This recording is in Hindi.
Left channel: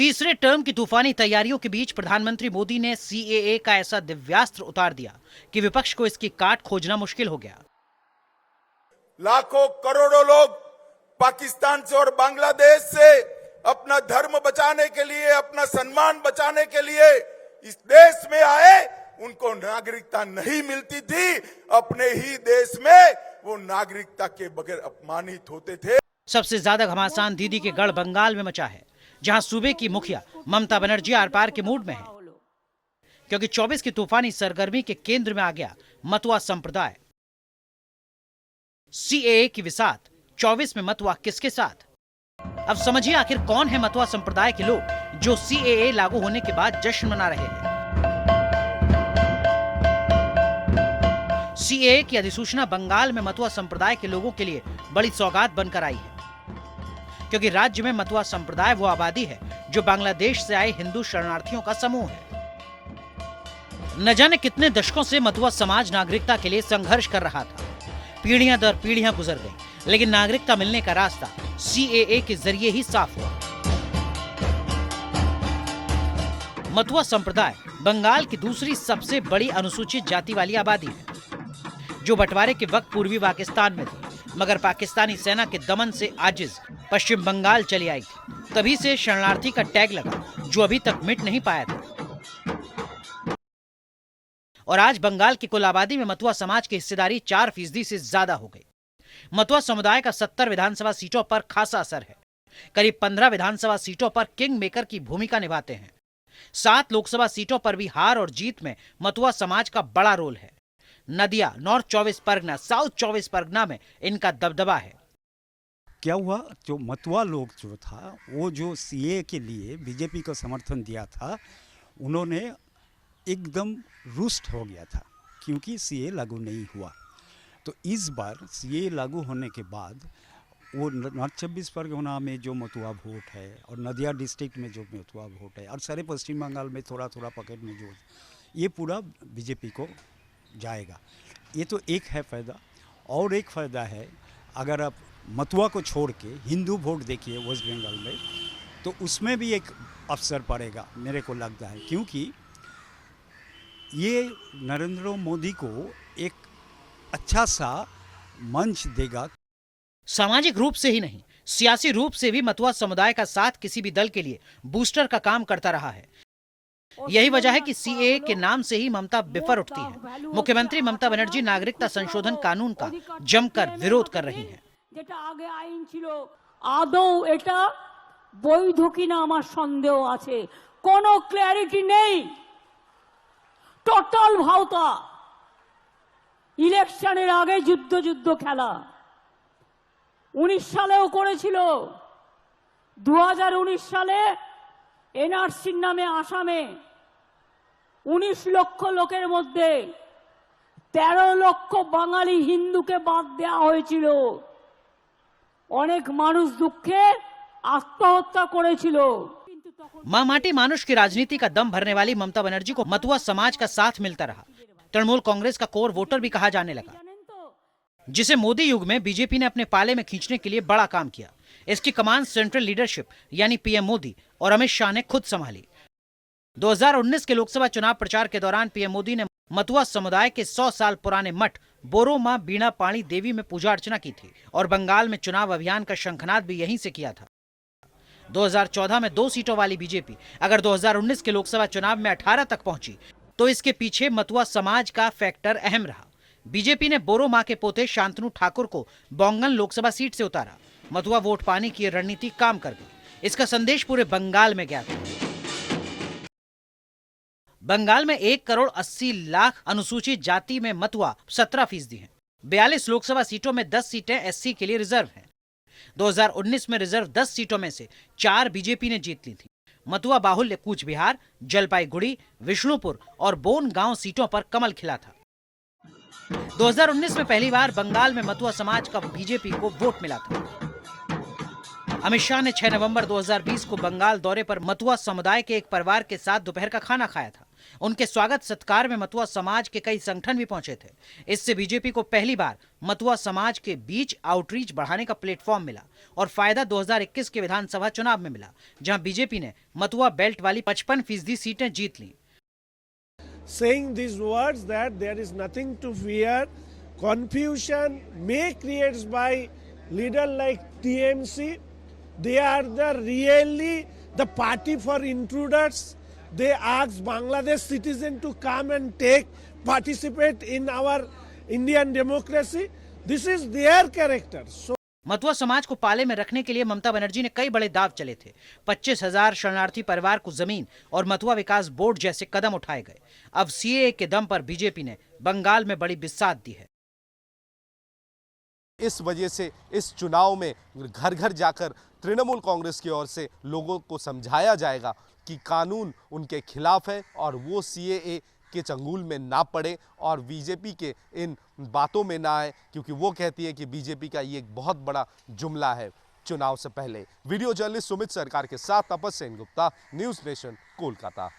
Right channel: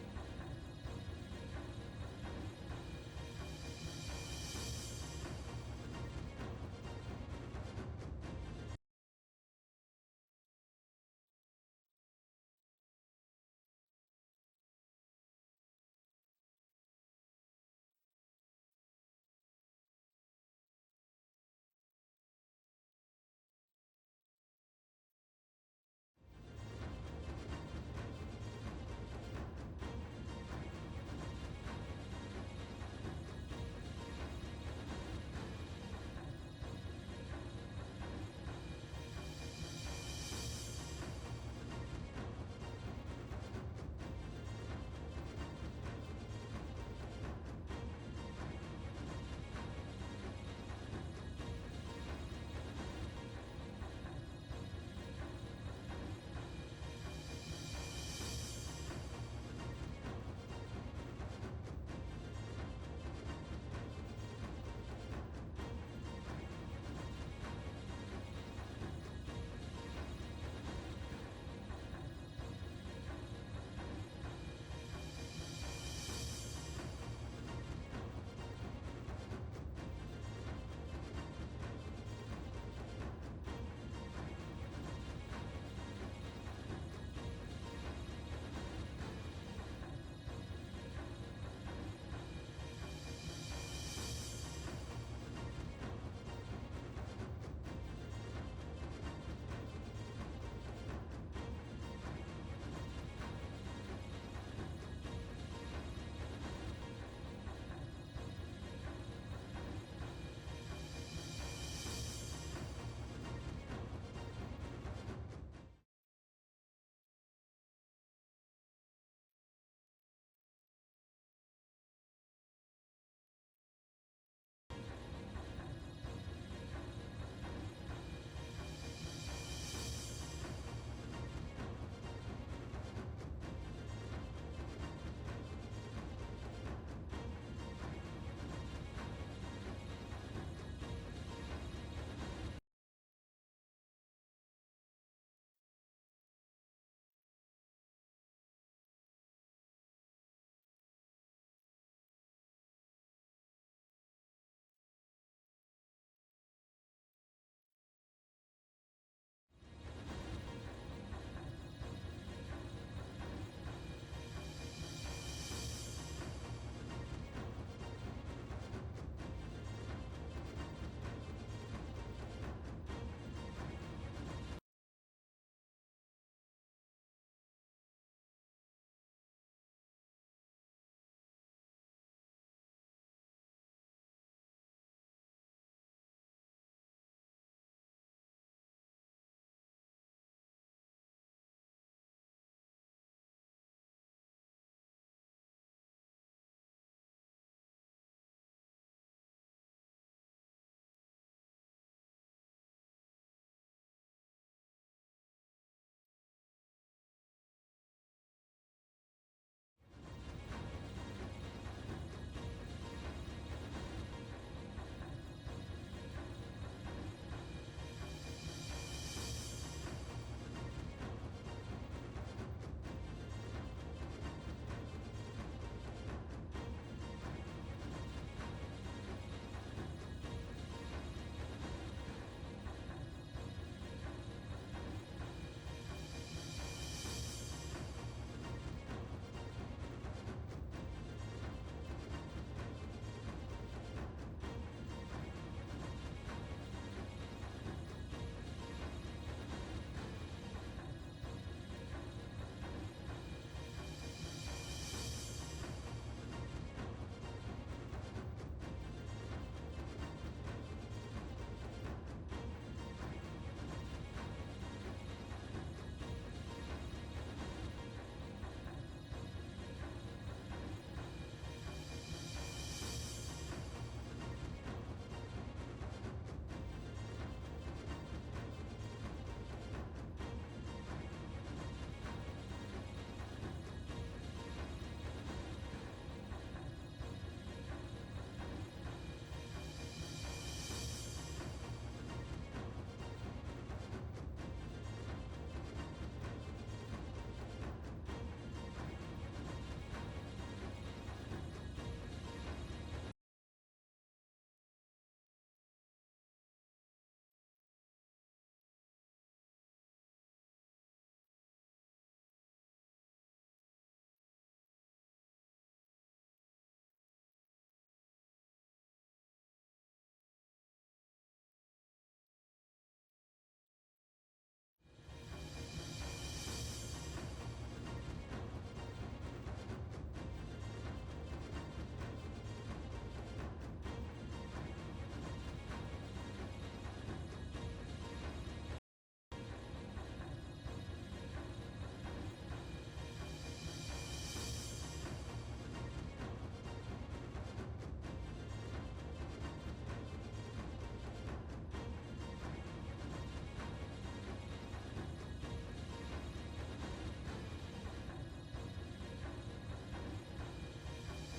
तीसरे टर्म की तूफानी तैयारियों के बीच प्रधानमंत्री मोदी ने सीएए का ऐसा दिव्यास्त्र उतार दिया कि विपक्ष को इसकी काट खोजना मुश्किल हो गया। लाखों करोड़ों लोग पाकिस्तान से और बांग्लादेश से अपना धर्म बचाने के लिए, अपना सम्मान बचाने के लिए इस देश में आए। उनको नागरिकता नहीं मिलती थी। अपने ही देश में वो नागरिकता के बगैर अपमानित होते थे। सबसे ज्यादा घमासान दीदी के गढ़ बंगाल में मचा है, जहां सूबे की मुखिया ममता बनर्जी आर पार के मूड में है, क्योंकि 24 की तूफानी सरगर्मी के केंद्र में आ गया मतुआ संप्रदाय। सीएए की विसात, 24 में मतुआ किसके साथ? अब समझिए आखिर कौन है मतुआ संप्रदाय के लोग जो सीएए लागू होने के बाद जश्न मना रहे हैं। सीएए की अधिसूचना बंगाल में मतुआ संप्रदाय के लोगों के लिए बड़ी सौगात बनकर आई है, क्योंकि राज्य में मतुआ संप्रदाय वो आबादी है जो बांग्लादेश से आए हिंदू शरणार्थियों का समूह है। न जाने कितने दशकों से मतुआ समाज नागरिकता के लिए संघर्ष कर रहा था। पीढ़ियां दर पीढ़ियां गुजर गई, लेकिन नागरिकता मिलने का रास्ता सीएए के जरिए ही साफ हुआ। मतुआ संप्रदाय बंगाल की दूसरी सबसे बड़ी अनुसूचित जाति वाली आबादी है, जो बंटवारे के वक्त पूर्वी पाकिस्तान में थी, मगर पाकिस्तानी सेना के दमन से आजिज पश्चिम बंगाल चली आई थी। तभी से शरणार्थी का टैग लगा, जो अभी तक मिट नहीं पाया था। और आज बंगाल की कुल आबादी में मतुआ समाज की हिस्सेदारी 4% से ज्यादा हो गई। मतुआ समुदाय का 70 विधानसभा सीटों पर खासा असर है। करीब 15 विधानसभा सीटों पर किंग मेकर की भूमिका निभाते हैं। 7 लोकसभा सीटों पर भी हार और जीत में मतुआ समाज का बड़ा रोल है। नदिया, नॉर्थ 24 परगना, साउथ 24 परगना में इनका दबदबा है। क्या हुआ, जो मतुआ लोग जो था, वो जो सीए के लिए बीजेपी को समर्थन दिया था, उन्होंने एकदम रुष्ट हो गया था, क्योंकि सीए लागू नहीं हुआ। तो इस बार सीए लागू होने के बाद वो नॉर्थ 24 परगना में जो मतुआ वोट है और नदिया डिस्ट्रिक्ट में जो मतुआ वोट है और सारे पश्चिम बंगाल में थोड़ा थोड़ा पॉकेट में जो, ये पूरा बीजेपी को जाएगा। ये तो एक है फ़ायदा। और एक फ़ायदा है, अगर आप मतुआ को छोड़ के हिंदू वोट देखिए वेस्ट बंगाल में, तो उसमें भी एक अवसर पड़ेगा मेरे को लगता है, क्योंकि ये नरेंद्र मोदी को एक अच्छा सा मंच देगा। सामाजिक रूप से ही नहीं, सियासी रूप से भी मतुआ समुदाय का साथ किसी भी दल के लिए बूस्टर का काम करता रहा है। यही वजह है कि सीएए के नाम से ही ममता बिफर उठती है। मुख्यमंत्री ममता बनर्जी नागरिकता संशोधन कानून का जमकर विरोध कर रही है। যেটা আগে আইন ছিল আদৌ এটা বৈধ কিনা আমার সন্দেহ আছে। কোনো ক্ল্যারিটি নেই, টোটাল ভাওতা। ইলেকশনের আগে যুদ্ধ যুদ্ধ খেলা 19 সালেও করেছিল। 2019 সালে এনআরসির নামে আসামে 19 লক্ষ লোকের মধ্যে 13 লক্ষ বাঙালি হিন্দুকে বাদ দেওয়া হয়েছিল। অনেক মানুষ দুঃখে আত্মহত্যা করেছিল। माँ माटी मानुष की राजनीति का दम भरने वाली ममता बनर्जी को मतुआ समाज का साथ मिलता रहा। तृणमूल कांग्रेस का कोर वोटर भी कहा जाने लगा, जिसे मोदी युग में बीजेपी ने अपने पाले में खींचने के लिए बड़ा काम किया। इसकी कमान सेंट्रल लीडरशिप यानी पीएम मोदी और अमित शाह ने खुद संभाली। 2019 के लोकसभा चुनाव प्रचार के दौरान पीएम मोदी ने मतुआ समुदाय के 100 साल पुराने मठ बोरो मां बीणा पाणी देवी में पूजा अर्चना की थी और बंगाल में चुनाव अभियान का शंखनाद भी यहीं से किया था। 2014 में 2 सीटों वाली बीजेपी अगर 2019 के लोकसभा चुनाव में 18 तक पहुंची, तो इसके पीछे मतुआ समाज का फैक्टर अहम रहा। बीजेपी ने बोरो मां के पोते शांतनु ठाकुर को बोंगन लोकसभा सीट से उतारा। मतुआ वोट पाने की रणनीति काम कर गई। इसका संदेश पूरे बंगाल में गया था। बंगाल में 1 करोड़ 80 लाख अनुसूचित जाति में मतुआ 17% है। 42 लोकसभा सीटों में 10 सीटें एससी के लिए रिजर्व है। 2019 में रिजर्व 10 सीटों में से 4 बीजेपी ने जीत ली थी। मतुआ बाहुल्य कूच बिहार, जलपाईगुड़ी, विष्णुपुर और बोन गांव सीटों पर कमल खिला था। 2019 में पहली बार बंगाल में मतुआ समाज का बीजेपी को वोट मिला था। अमित शाह ने 6 नवंबर 2020 को बंगाल दौरे पर मतुआ समुदाय के एक परिवार के साथ दोपहर का खाना खाया था। उनके स्वागत सत्कार में मतुआ समाज के कई संगठन भी पहुंचे थे। इससे बीजेपी को पहली बार मतुआ समाज के बीच आउटरीच बढ़ाने का प्लेटफॉर्म मिला और फायदा 2021 के विधानसभा चुनाव में मिला, जहां बीजेपी ने मथुआ बेल्ट वाली 55% सीटें जीत लीं। Saying these words that there is nothing to fear, confusion may created by leader like TMC. They are really the party for intruders. They ask Bangladesh citizen to come and participate in our Indian democracy. This is their character. So Matua समाज को पाले में रखने के लिए ममता बनर्जी ने कई बड़े दाव चले थे। 25,000 शरणार्थी परिवार को जमीन और मथुआ विकास बोर्ड जैसे कदम उठाए गए। अब सीएए के दम पर बीजेपी ने बंगाल में बड़ी बिसात दी है। इस वजह से इस चुनाव में घर घर जाकर तृणमूल कांग्रेस की ओर से लोगों को समझाया जाएगा कि कानून उनके खिलाफ है और वो सीएए के चंगुल में ना पड़े और बीजेपी के इन बातों में ना आए, क्योंकि वो कहती है कि बीजेपी का ये एक बहुत बड़ा जुमला है चुनाव से पहले। वीडियो जर्नलिस्ट सुमित सरकार के साथ तपस्या गुप्ता, न्यूज़ नेशन, कोलकाता।